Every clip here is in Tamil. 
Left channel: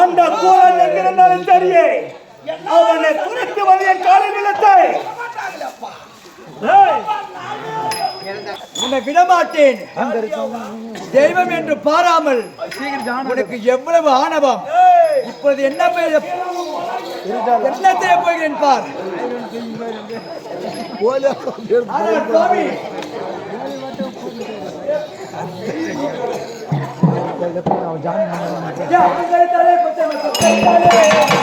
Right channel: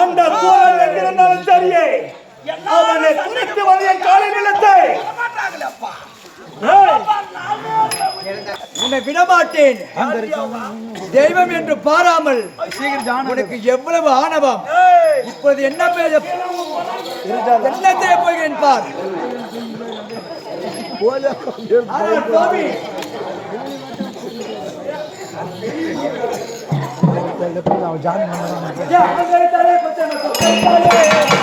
அந்த கோரல் எங்கிருந்தாலும் சரியே. அவனை துணித்து வழிய என் நிலத்தை. உன்னை விடமாட்டேன். தெய்வம் என்று பாராமல் உனக்கு எவ்வளவு ஆணவம். இப்போது என்ன பேச என்ன செய்ய போகிறேன் பார். ஆனால் சுவாமி. யா, அங்கே இருந்தாலே பச்சை மக்கள்,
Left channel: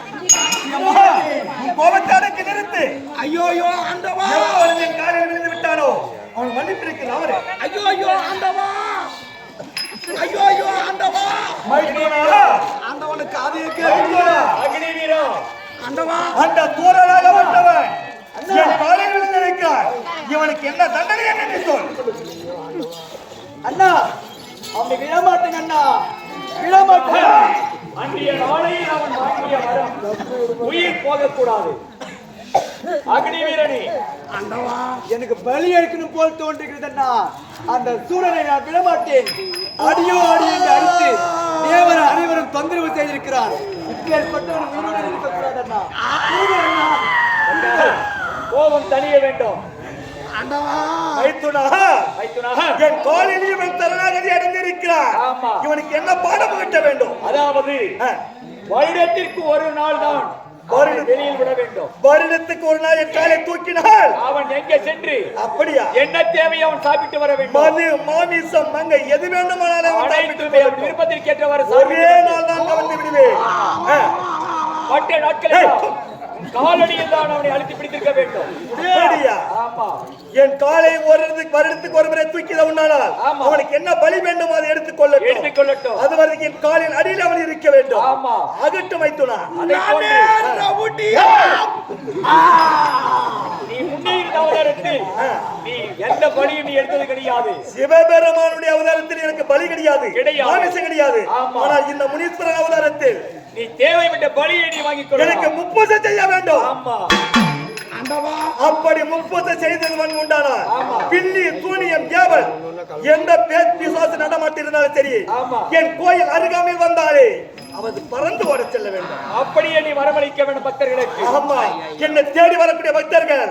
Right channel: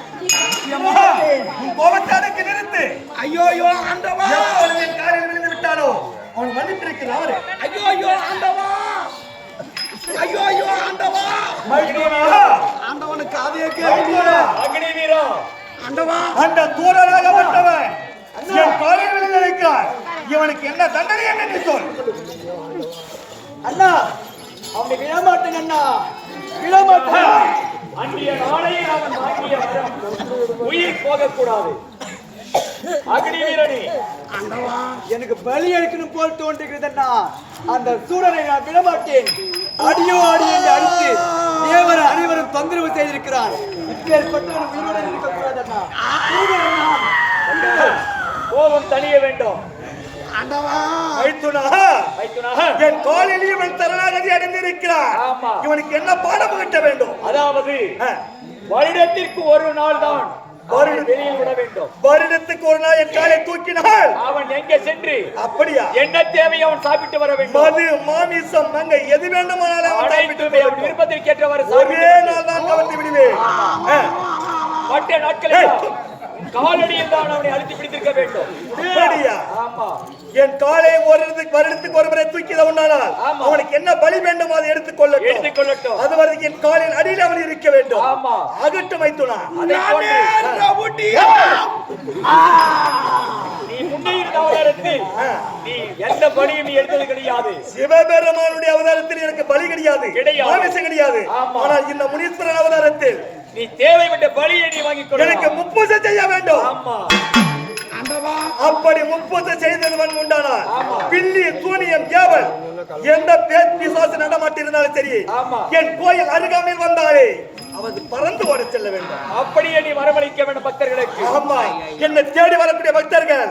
நிச்சயமா உன் கோபத்தை அடக்கி நிறுத்து. ஐயோ ஐயோ ஆண்டவா. எப்பொழுது என் காலில் விழுந்து விட்டானோ அவன் மன்னிப்பிருக்கிறான் அவரு. ஐயோ ஐயோ ஆண்டவா. ஐயோ ஐயோ ஆண்டவா மைத்துனா, ஆண்டவனுக்கு அது மைத்துனா, ஆண்டவா. அந்த தூரராகப்பட்டவன் என் காலில் விழுந்து வைக்கிறான் இவனுக்கு என்ன தண்டனை என்று நீ சொல். அண்ணா அவனை விடமாட்டேன் அண்ணா. விடமாட்டேன் அன்றைய நாளையில் அவன் வாங்கிய வரம். உயிர் போகக்கூடாது. அக்னி வீரனே எனக்கு பலி எடுக்கணும் போல் தோன்றுகிறது அண்ணா அந்த சூரனை நான் விடமாட்டேன். அடியோ அடி என்று அடித்து தேவர் அனைவரும் தொந்தரவு செய்திருக்கிறான் இப்பேற்பட்டவன் உயிரோடு இருக்கக்கூடாது அண்ணா கோபம் தணிய வேண்டும். என் காலில் இவன் சரணாகதி அடைந்திருக்கிறான் ஆமா. இவனுக்கு என்ன பாடம் புகட்ட வேண்டும்? அதாவது. வருடத்திற்கு ஒரு நாள் தான் வெளியில் விட வேண்டும். வருடத்துக்கு ஒரு நாள் என் காலை தூக்கினால்? அவன் எங்கே சென்று அப்படியா? என்ன தேவையோ அவன் சாப்பிட்டு வர வேண்டும்? மது மாமிசம் மங்க எது வேண்டுமானாலும் அவன் சாப்பிட்டு அவன் போகட்டும். விருப்பத்திற்கேற்றவாறு ஒரே நாள் தான் கவர்ந்து விடுவேன். ஆ. மற்ற நாட்களில் உன் காலடியில் தான் அவனை அழுத்தி பிடித்திருக்க வேண்டும். ஆமா. என் காலை ஒரு வருடத்துக்கு ஒரு முறை தூக்கி உண்டானால் ஆமா. அவனுக்கு என்ன பலி வேண்டுமோ அதை எடுத்துக்கொள்ளட்டும் எடுத்துக்கொள்ளட்டும். அது வரைக்கும் என் காலின் அடியில் அவன் இருக்க வேண்டும். ஆமா. அகட்டும் வைத்துனா அதை போன்று. இருந்த அவதாரத்தில் நீ எந்த பலியும் நீ எடுத்தது கிடையாது. சிவபெருமானுடைய அவதாரத்தில் எனக்கு பலி கிடையாது. கிடையாது. மாமிசம் கிடையாது. ஆனால் இந்த முனீஸ்வரன் அவதாரத்தில் நீ தேவைப்பட்ட பலியை நீ வாங்கிக் எனக்கு முப்பூசை செய்ய வேண்டும். ஆமா. அப்படி முப்பூசை செய்தவன் உண்டானால் ஆமா. பில்லி சூனியம் ஏவல் எந்த பேர் பிசாசு நடமாட்டிருந்தாலும் சரி. என் கோயில் அருகாமையில் வந்தாலே அவன் பறந்து ஓட செல்ல வேண்டும். அப்படியே நீ வரவழைக்க வேண்டும் பக்தர்களுக்கு. ஆமா. என்னை தேடி வரக்கூடிய பக்தர்கள்